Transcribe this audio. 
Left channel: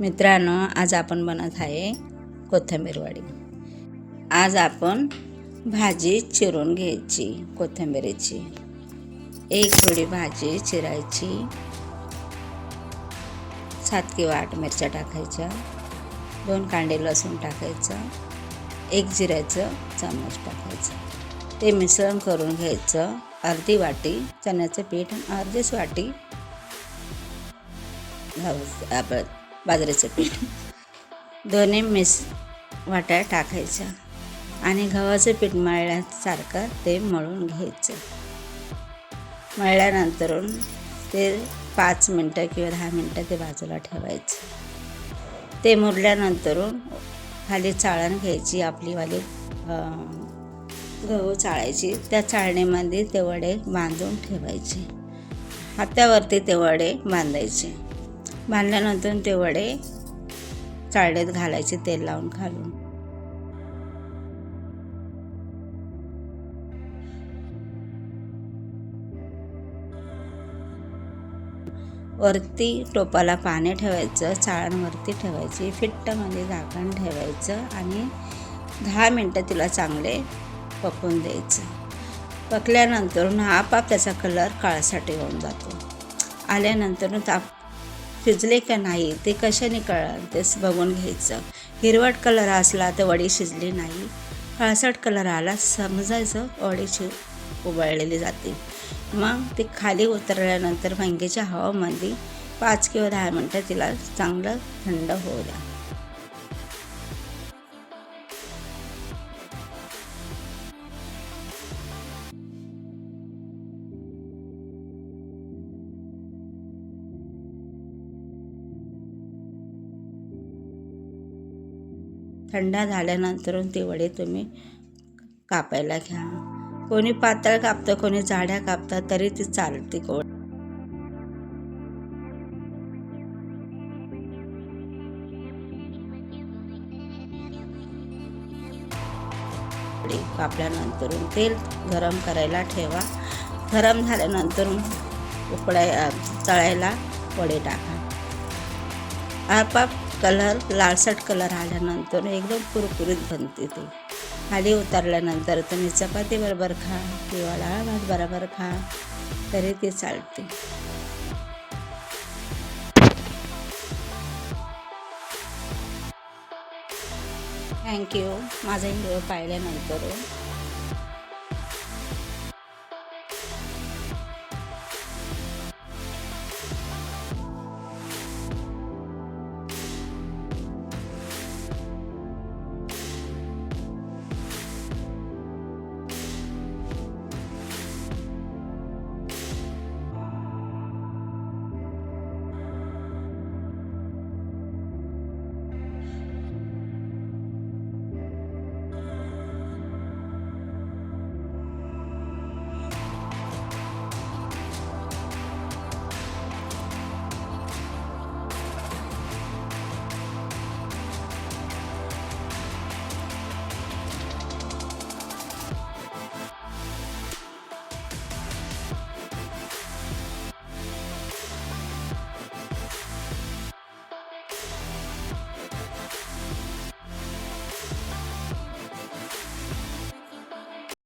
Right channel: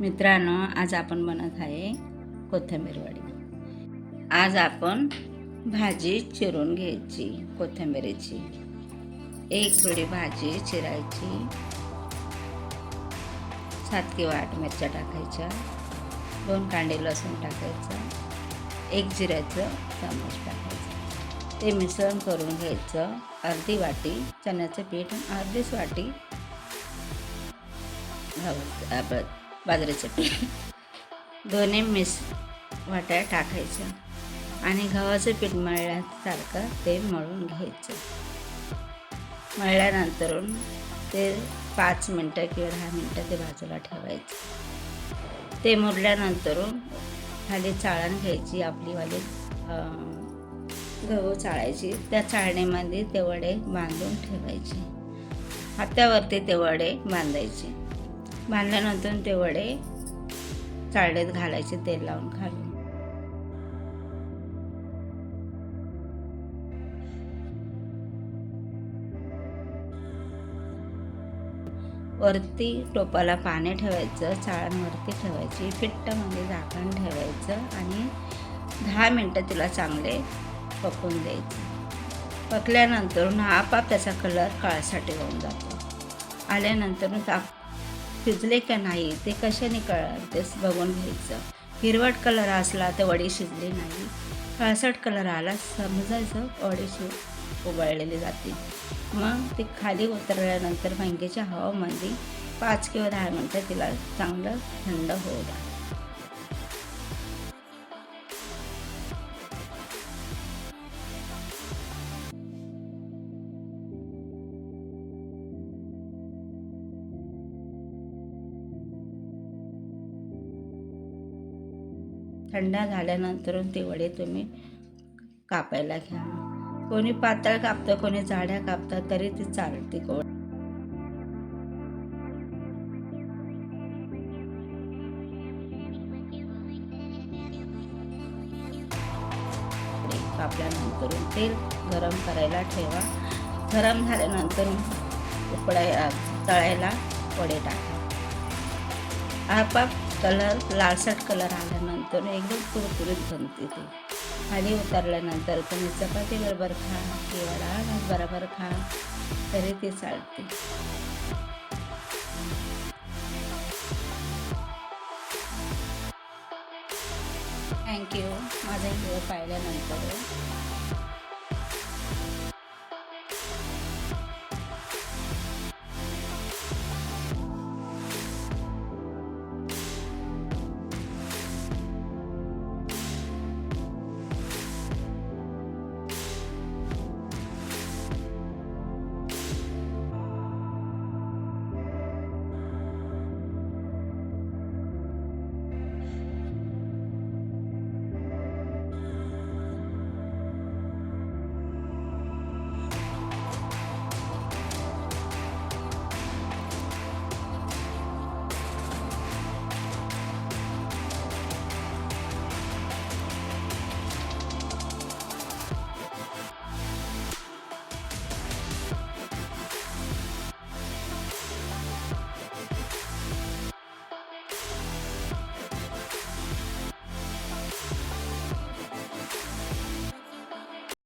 मित्रांनो, आज आपण बनत आहे कोथिंबीर वडी। आज आपण भाजी चिरून घ्यायची कोथिंबीरीची। एक जोडी भाजी चिरायची, 7 किंवा 8 मिरच्या टाकायच्या, 2 कांडे लसूण टाकायचं, 1 जिऱ्याचं चमच टाकायचं। ते मिश्रण करून घ्यायचं। अर्धी वाटी चण्याचं पीठ, अर्धीच वाटी आपलं बाजरीचं पीठ, दोन्ही वाट्या टाकायच्या आणि गव्हाचं पीठ मळल्यासारखं ते मळून घ्यायचं। मळल्यानंतर ते 5 मिनटं किंवा 10 मिनटं ते बाजूला ठेवायचं। ते मुरल्यानंतर खाली चाळण घ्यायची, आपलीवाली गहू चाळायची। त्या चाळणीमध्ये ते वडे बांधून ठेवायचे। हातावरती ते वडे बांधायचे। बांधल्यानंतर ते वडे चाळणीत घालायचे, तेल लावून घालून। वरती टोपाला पाणी ठेवायचं, चाळणवरती ठेवायची, फिट्टमध्ये झाकण ठेवायचं आणि 10 मिनटं तिला चांगले पकवून द्यायचं। पकल्यानंतर आपाप त्याचा कलर काळासाठी होऊन जातो। आल्यानंतर शिजले का नाही ते कशाने कळलं ते बघून घ्यायचं। हिरवट कलर असला तर वडी शिजली नाही, काळसट कलर आला समजायचं वडी उबळलेली जाते। मग ती खाली उतरल्यानंतर वांग्याच्या हवामध्ये 5 किंवा 10 मिनटं तिला चांगलं थंड होऊ द्या। थंड झाल्यानंतर ते वडे तुम्ही कापायला घ्या। कोणी पातळ कापतं, कोणी जाड्या कापतात, तरी ती चालते वडी कापल्यानंतर तेल गरम करायला ठेवा। गरम झाल्यानंतर तळायला वडे टाका। आपाप कलर लालसट कलर आल्यानंतर एकदम कुरकुरीत बनते। ते खाली उतरल्यानंतर तुम्ही चपाती बरोबर खा किंवा डाळ भात बरोबर खा तरी ते चालते। थँक्यू माझा व्हिडिओ पाहिल्यानंतर।